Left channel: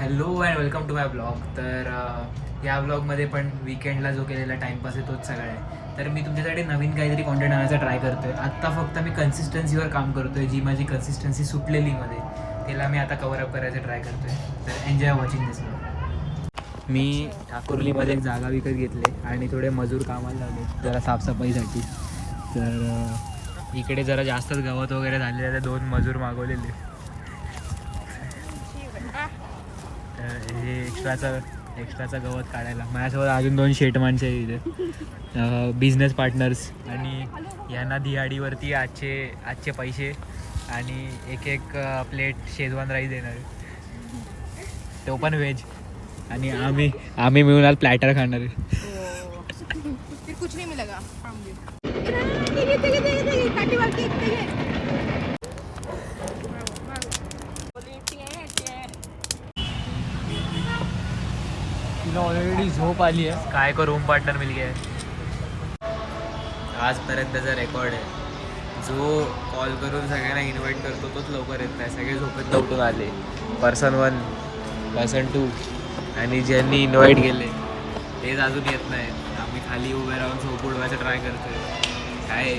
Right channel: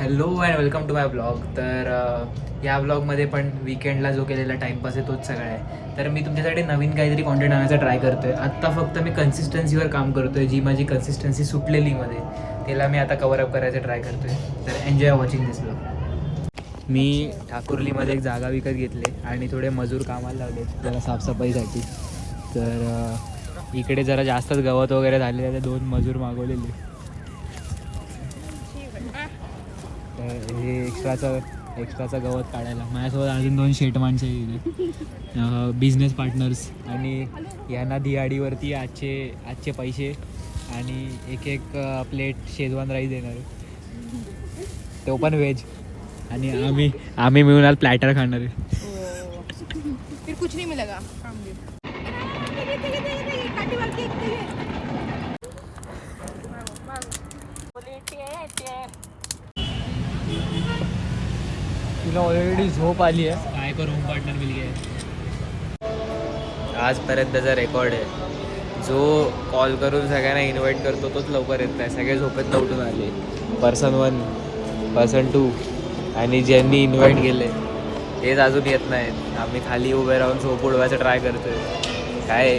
Hello and welcome to my blog. तर या ब्लॉगमध्ये पण विकेंडला जो केलेला टाईमपास आहे तोच सगळा आहे. तर मी तुमच्यासाठी नवीन काहीतरी कॉन्टेंट आणायचा ट्राय करतो आहे. आत्ता फक्त मी कन्सिस्टन्सीवर काम करतो आहे. जी माझी कन्सिस्टन्सी सुटलेली मध्ये त्याला मी आता कवरअप करायचं ट्राय करतो आहे. तर एन्जॉय वॉचिंग दिस ब्लॉग. मी ठाकुर्लीमध्ये एक जागा विकत घेतले आणि थोडे मजूर कामाला लावले जरा साफसफाईसाठी. तर इकडे जरा जास्तच गवत वगैरे झालेलं आहे. 2 मजूर मागवलेले. हे एक्स्ट्राचं गवत काढायला माझ्यासोबत अजून 2 शेट माणसं आहे इथे, बिझनेस पार्टनर्स. आणि यांना दिहाडीवरती आजचे पैसे आणि एक प्लेट शेजवान राईस देणार आहे, तो पण व्हेज. आणि आम्ही मिळून आज प्लॅटर खाणार आहे. फिर कुछ नहीं मिलेगा. तिला ऑलरेडी झोप आली आहे. काय को रूम पार्टनर मिल गया है. आजपर्यंतचा रेकॉर्ड आहे. जो कॉल करून सगळ्यांना इन्व्हाइट करतो तोच लवकर येत नाही. सगळे झोपेत कुठून आले. पर्सन 1, पर्सन 2 आणि ज्यांनी इन्व्हाइट केले तेच अजून येत नाहीत. आम्ही खाली उभे राहून झोप उडवायचा ट्राय करतोय. काय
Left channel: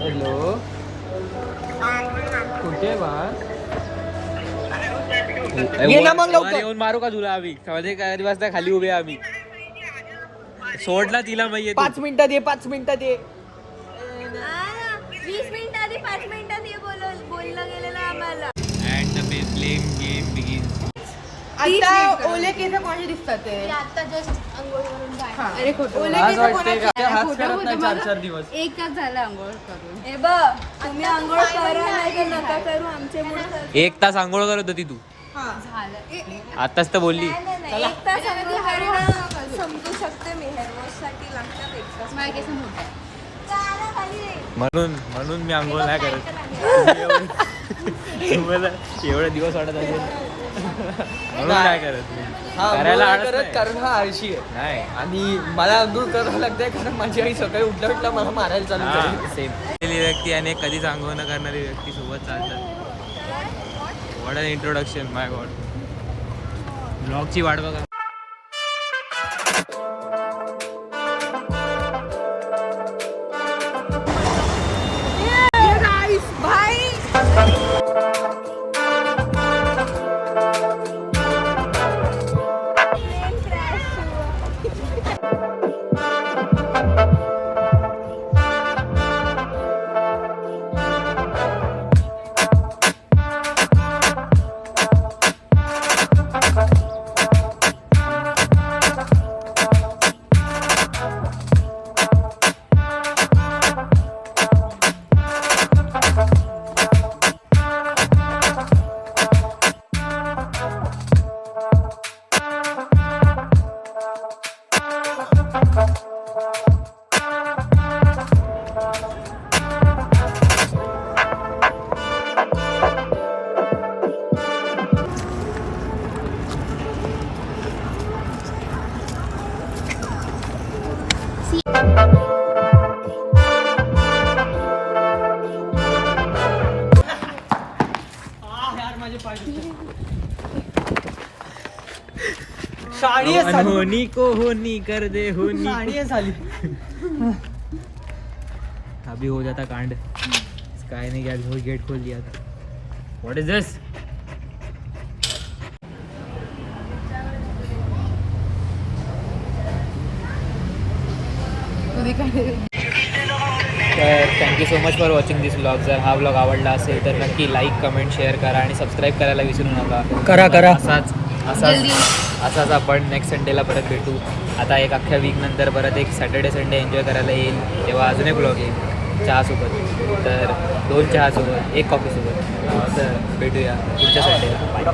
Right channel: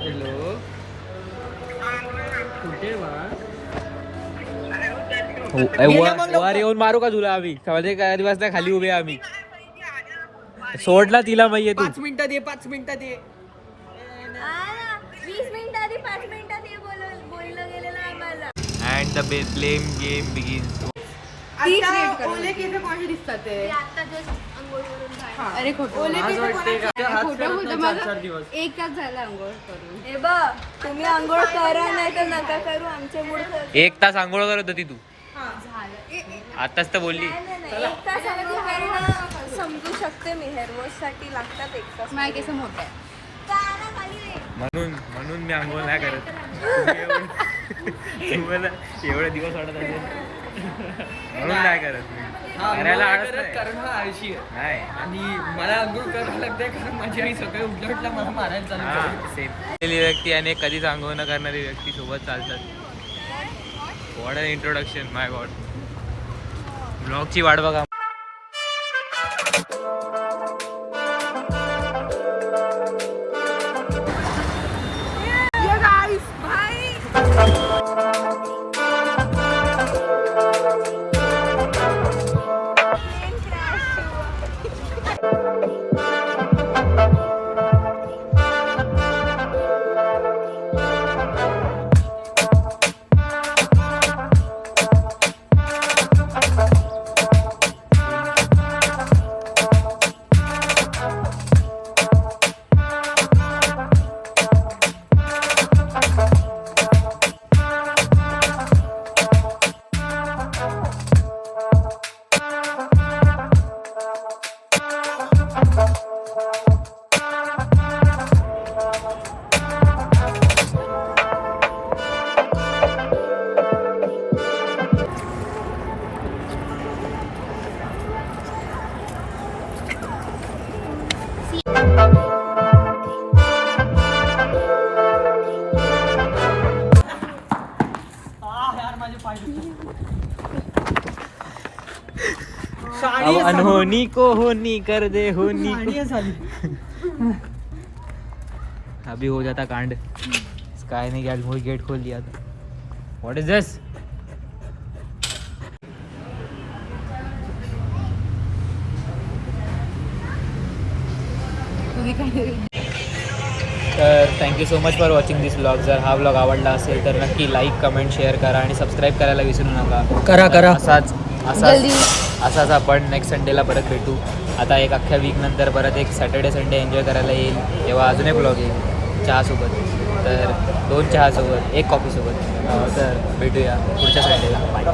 हॅलो, कुठे बा वर येऊन मारू का तुला? आम्ही समजे काय दिवस नाही खाली उभे आम्ही. सोडला तिला माहिती 5 मिनिटात ये, 5 मिनिटात ये. 20 मिनिटं आधी 5 मिनिटात ये बोललं गेलेलं आम्हाला. And the blame game begins. आता ओले केस कोणाचे दिसतात ते? आता जस्ट अंघोळ करून हा. झालं. अरे खोटं. ओले केस कोणाचे? खोटं होतं माझं. 4 दिवस 1 तास झाला अंघोळ करून. हे बघ, तुम्ही अंघोळ करा नाही तर नका करू. आमचे मूड 1 तास आंघोळ करत होती तू. झालं. आताच तर बोलली. 1 तास आधी हरणं समजू शकते मी. हेअर वॉशसाठी लागतात 1 तास. नाही कसं होतं म्हणून मी आंघोळ नाही करत. तुम्हाला एवढे दिवस वाटत असेल म्हणून काय करत मी. करायला आळस नाही. कारण हा आळशी आहे नाही. आणि मला अंघोळ करावं लागतंय कारण माझी आई सकाळी उठल्या मला मारायला चालू हा झाली. सेम. व्यक्ती आणि कधीच आंघोळ न करणारी व्यक्ती सोबत चालतात. What an introduction, my god. ब्लॉगची वाट बघा. होनी को होनी कर दे होनी. अभी हो जाता कांड. काय नहीं गया, गेट खोल दिया. व्हाट इज दिस? तर thank you so much for watching this blog. जर हा ब्लॉग आवडला असेल तर नक्की लाईक, कमेंट, शेअर करा आणि सबस्क्राईब करायला विसरू नका. करा. असाच आपण नेक्स्ट संडेला परत भेटू. आता एक अख्ख्या वीक नंतर परत एक सॅटर्डे संडे एन्जॉय करायला येईल. तेव्हा अजून एक ब्लॉग येईल चहासोबत. तर 2 चहासोबत 1 कॉफीसोबत. तर भेटूया पुढच्या संडेला. बाय.